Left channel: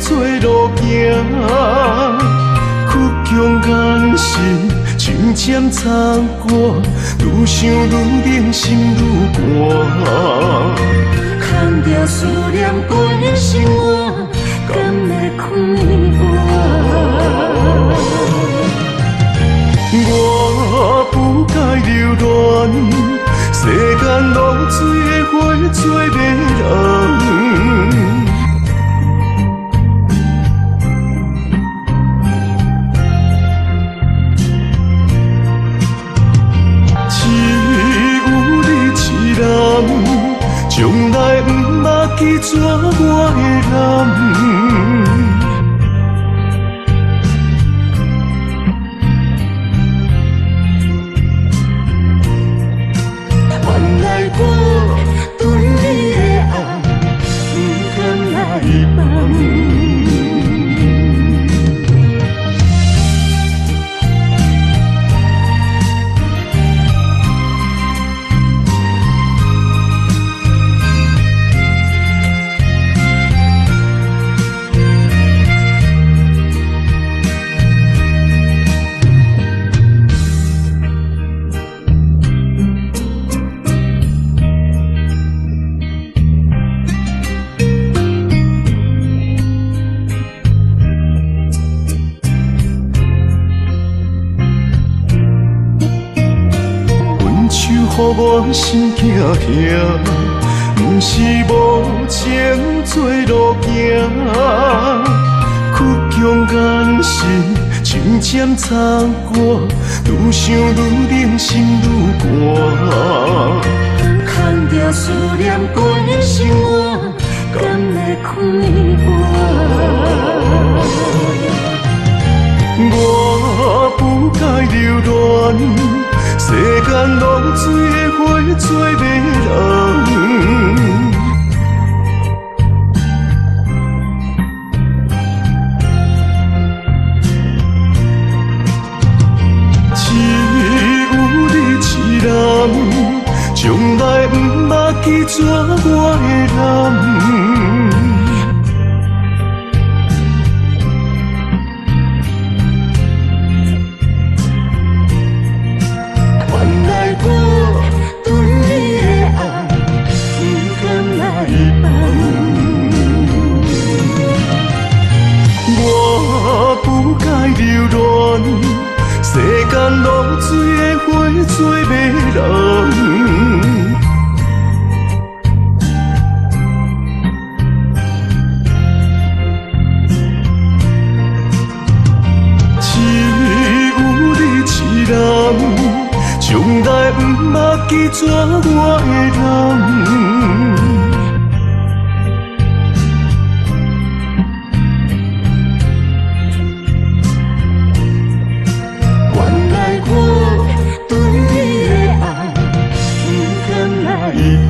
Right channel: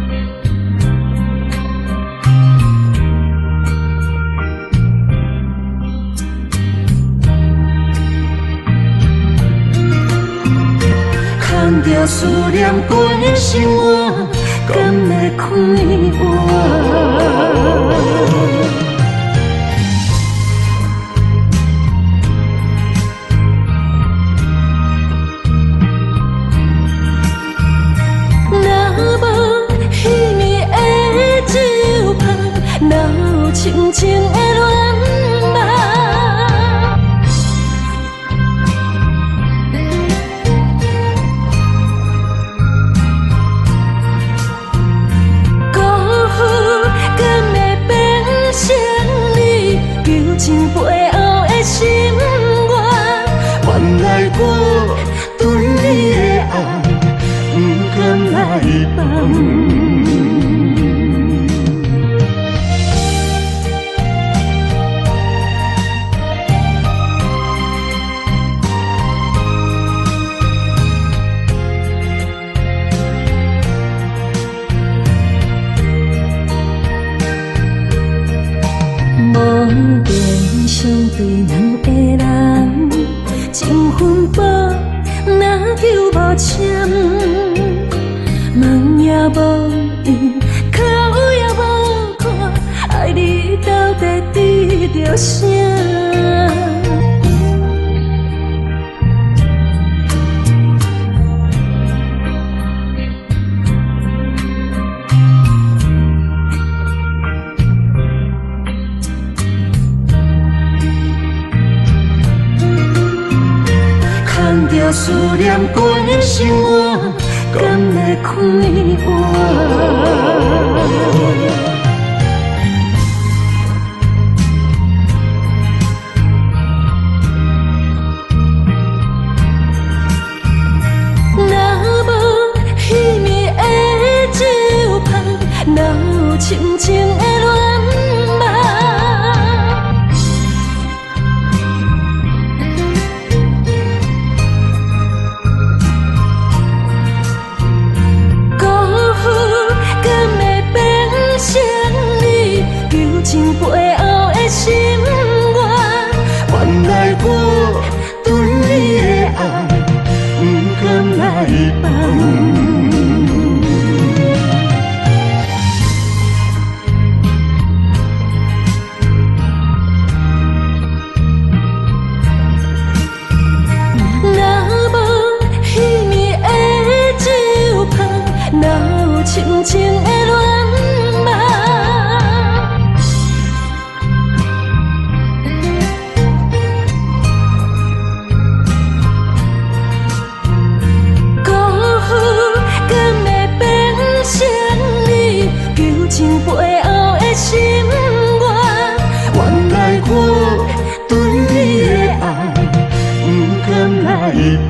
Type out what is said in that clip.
做路行，曲终人心，像渐残寒，愈想愈冷，心愈寒。牵着思念过生活，敢会开换？我不该留恋，世间浪水的花做迷人。若无彼暝的酒香，哪有深情的恋梦？只有你一人，从来不捌记住我的人。辜负敢会变成你柔情背后的心愿？原来我对你的爱，不敢来放。分手予我心惊惊，不是无情做路行，曲终人心，像渐残寒，愈想愈冷，心愈寒。牵着思念过生活，敢会开换？我不该留恋，世间浪水的花做迷人。若无彼暝的酒香，哪有深情的恋梦？只有你一人，从来不捌记住我的人。辜负敢会变成你柔情背后的心愿？原来我对你的爱，不敢来放。我不该留恋，世间浪水的花做迷人。若无彼暝的酒香，哪有深情的恋梦？只有你一人，从来不捌记住我的人。辜负敢会变成你柔情背后的心愿？原来我对你的爱，不敢来放。